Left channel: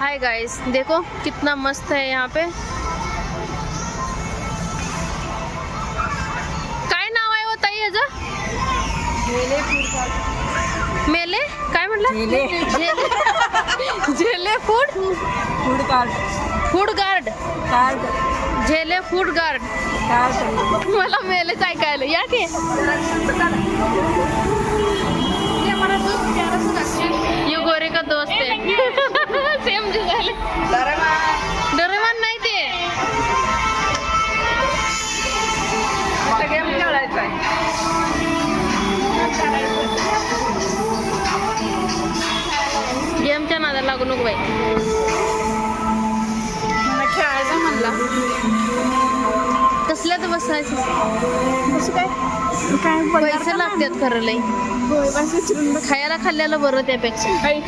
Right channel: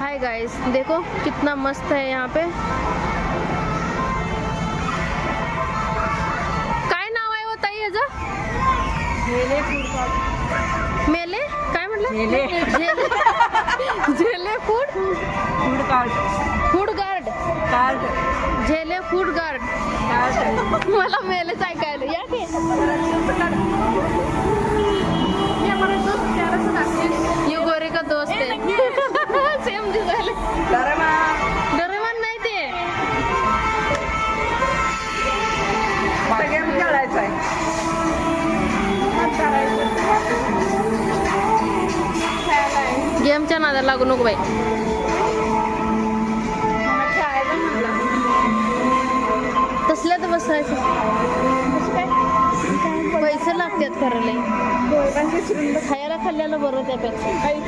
Hi guys, देखो कितना मस्त है यहाँ पे। काय नाव आहे होता ह्याचं? मेले काय म्हटलं? झेले फूड गार्ड झेले फूड गार्ड। मला मेलेच ऐकायला या की। ये गोरे का दोस्त है। सेम जो झाले डोरेमॉन नाही ते। गेम खेळायचा आहे। गेमच्या नादाला लागू नको बाई। खेळायचं म्हणलं कसल्यात बसायचं? काय पैसे लागतात खरं लई। खायला खाल्ल्याला बरं त्यापेक्षा। काही